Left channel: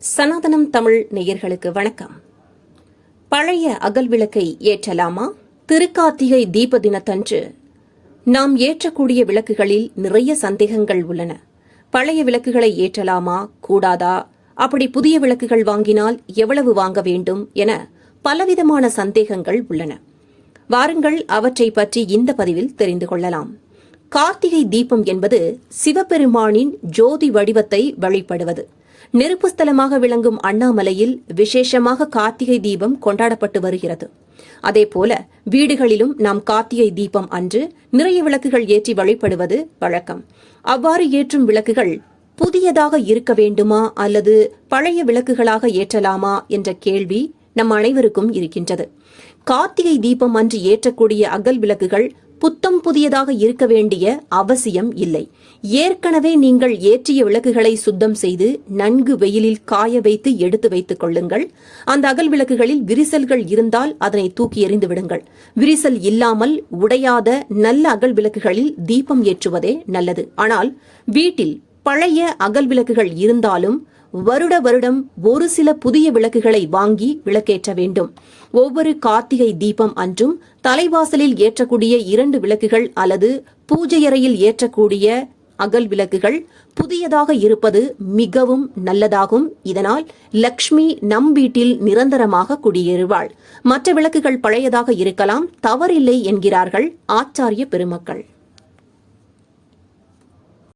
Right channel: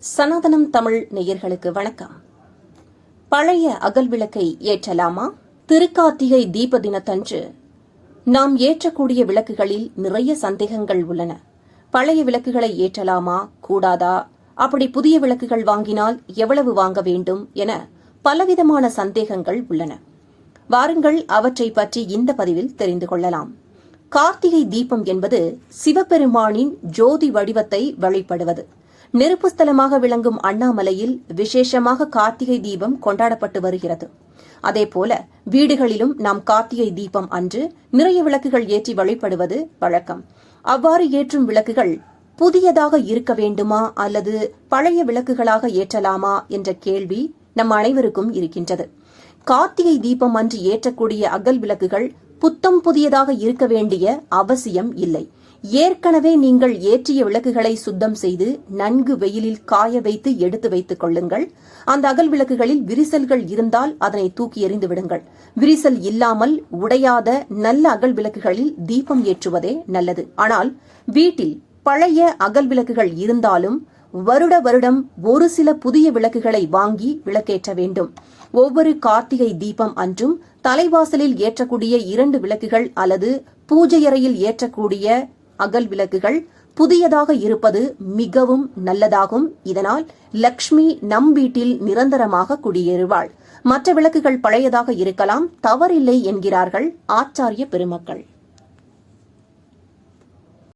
சனாதனம் தமிழ் நேயர்களுக்கு வணக்கம். பழைய அகல் விளக்கை ஏற்றலாமா? திருக்கார்த்திகை தீப தினத்தன்று நாம் ஏற்றக்கூடிய விளக்குகளில் நிறைய சந்தேகங்கள் உள்ளன. பழைய விளக்குகளை ஏற்றலாமா? கூடாதா? அப்படி புதிய விளக்குகள் வாங்கினால் எவ்வளவு வாங்க வேண்டும் என பலவிதமான சந்தேகங்கள் உள்ளன. வாருங்கள் அவற்றை பற்றி இந்த பதிவில் தெரிந்து கொள்ளலாம். கார்த்திகை தீபம் என்பது சிவபெருமானின் ஜோதி வடிவத்தை வழிபடுவது. நெருப்பு ஸ்தலமாக விளங்கும் அண்ணாமலையில் விசேஷமாக கார்த்திகை தீபம் கொண்டாடப்பட்டு வருகிறது. அதேபோல வீடுகளிலும் நாம் கார்த்திகை தீபம் அன்று நிறைய விளக்குகள் ஏற்றி வழிபடுவது வழக்கம். அவ்வாறு ஏற்றும் விளக்குகள் புதியதாக இருக்க வேண்டுமா அல்லது பழைய விளக்குகளாக ஏற்றலாமா என்ற கேள்வி நம் அனைவருக்கும் இருக்கின்றது. கார்த்திகை தீபம் அன்று ஏற்றக்கூடிய அகல் விளக்குகள் புத்தம் புதியதாக இருக்க வேண்டிய அவசியம் இல்லை. ஏற்கனவே நீங்கள் ஏற்றிய விளக்குகளை சுத்தம் செய்து நன்கு வெயிலில் காய வைத்து எடுத்து வைத்துக் கொள்ளுங்கள். அந்த அகல் விளக்குகளில் விரிசல்கள் இருந்தால் அதனை தூக்கி எறிந்து விடுங்கள். விரிசல் இல்லாமல் உடையாத நல்ல அகல் விளக்குகளில் தீபம் ஏற்றுவதே நல்லது. ஆனால் வீட்டில் பழைய அகல் விளக்குகள் இருந்தாலும் வருட வருடம் ஒரு சில புதிய விளக்குகளை வாங்கி விளக்கேற்ற வேண்டும். ஒவ்வொரு கார்த்திகை தீபம் அன்றும் தலைவாசலில் ஏற்றக்கூடிய இரண்டு விளக்குகள் அல்லது பூஜையறையில் ஏற்றக்கூடிய அகல் விளக்குகள் புதியதாக இருப்பது மிகவும் நல்லதாகும். இதனால் லக்ஷ்மி நம் வீட்டில் நிரந்தரமாக குடியேறுவாள். மற்ற விளக்குகள் பழையதாக இருக்கலாம் தவறில்லை என்கிறார்கள் ஆச்சாரிய பெருமக்கள்.